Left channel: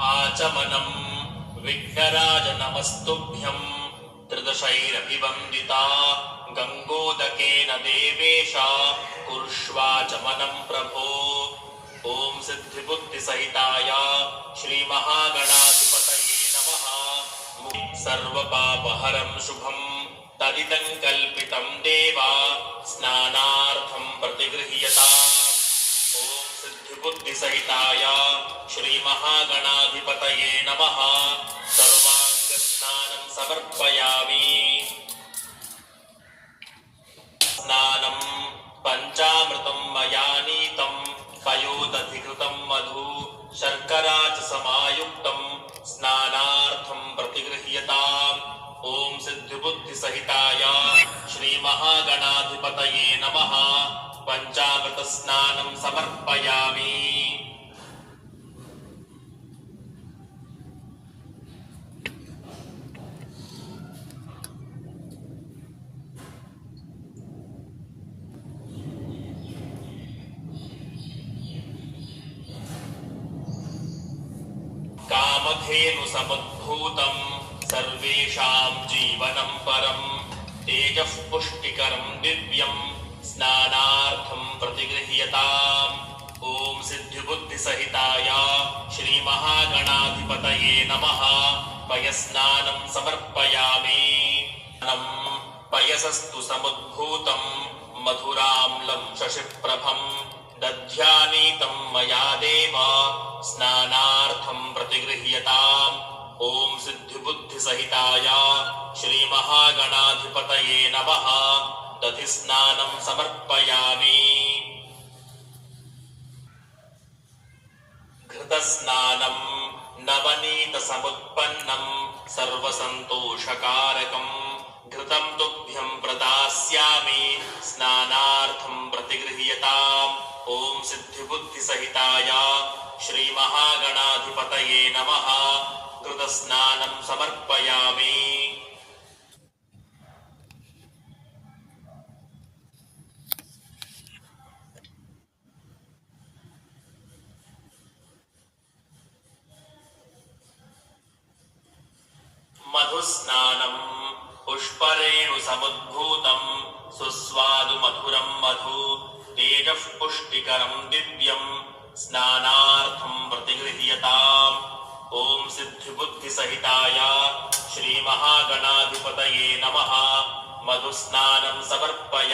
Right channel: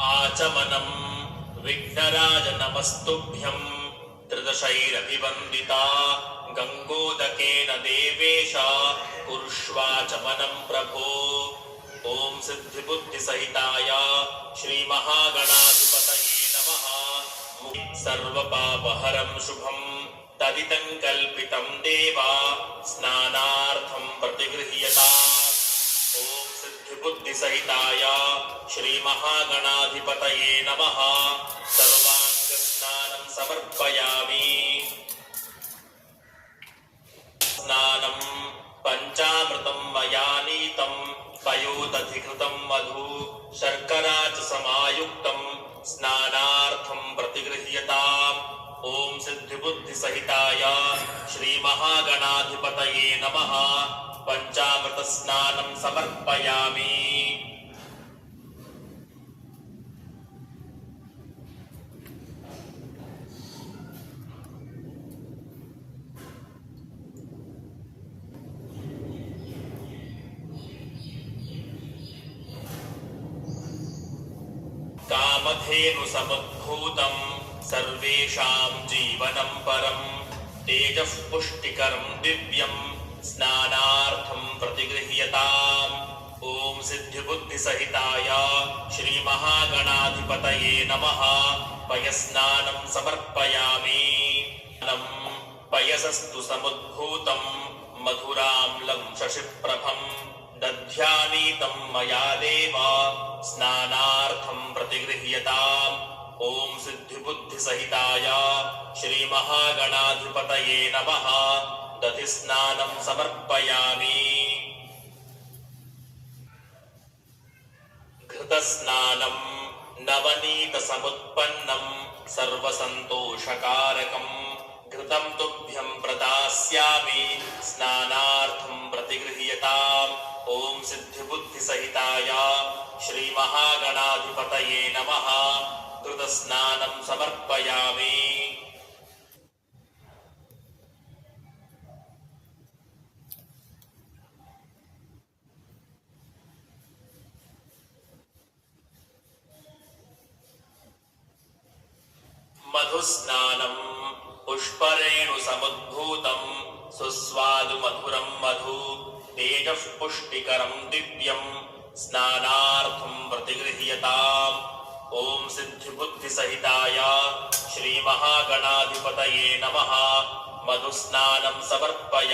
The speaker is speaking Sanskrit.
आचमनं विघ्नराज नमस्तुभ्यं त्रिदशैरपि वन्दिता गङ्गोदकेन देवेश कुरुष्वाचमनं प्रभो। ॐ सिद्धिबुद्धिसहिताय श्रीमहागणाधिपतये नमः। सर्वपापहरं शुभं तदिदं कल्पितं देवा स्नानार्थं प्रतिगृह्यताम्। ॐ सिद्धिबुद्धिसहिताय श्रीमहागणाधिपतये नमः। सर्वाङ्गस्नानं समर्पयामि। स्नानं पञ्चामृतं मया नीतं पयोदधिकृतं मधु शर्करा च समायुक्तं स्नानार्थं प्रतिगृह्यताम्। ॐ सिद्धिबुद्धिसहिताय श्रीमहागणाधिपतये नमः। पञ्चामृतस्नानं समर्पयामि। कामधेनुसमुद्भूतं सर्वेषां जीवनं परं तेजः पुष्टिकरं दिव्यं स्नानार्थं प्रतिगृह्यताम्। ॐ सिद्धिबुद्धिसहिताय श्रीमहागणाधिपतये नमः। पयस्नानं समर्पयामि। पयसस्तु समुद्भूतं मधुराम्लं शशिप्रभं दध्यानीतं मया देव स्नानार्थं प्रतिगृह्यताम्। ॐ सिद्धिबुद्धिसहिताय श्रीमहागणाधिपतये नमः। दधिस्नानं समर्पयामि। घृतस्नानं नवनीतसमुत्पन्नं सर्वसन्तोषकारकं घृतं तुभ्यं प्रदास्यामि स्नानार्थं प्रतिगृह्यताम्। ॐ सिद्धिबुद्धिसहिताय श्रीमहागणाधिपतये नमः। घृतस्नानं समर्पयामि। मधुस्नानं पुष्परेणुसमुद्भूतं सुस्वादुमधुरं मधु तेजः पुष्टिकरं दिव्यं स्नानार्थं प्रतिगृह्यताम्। ॐ सिद्धिबुद्धिसहिताय श्रीमहागणाधिपतये नमः। मधुस्नानं समर्पयामि।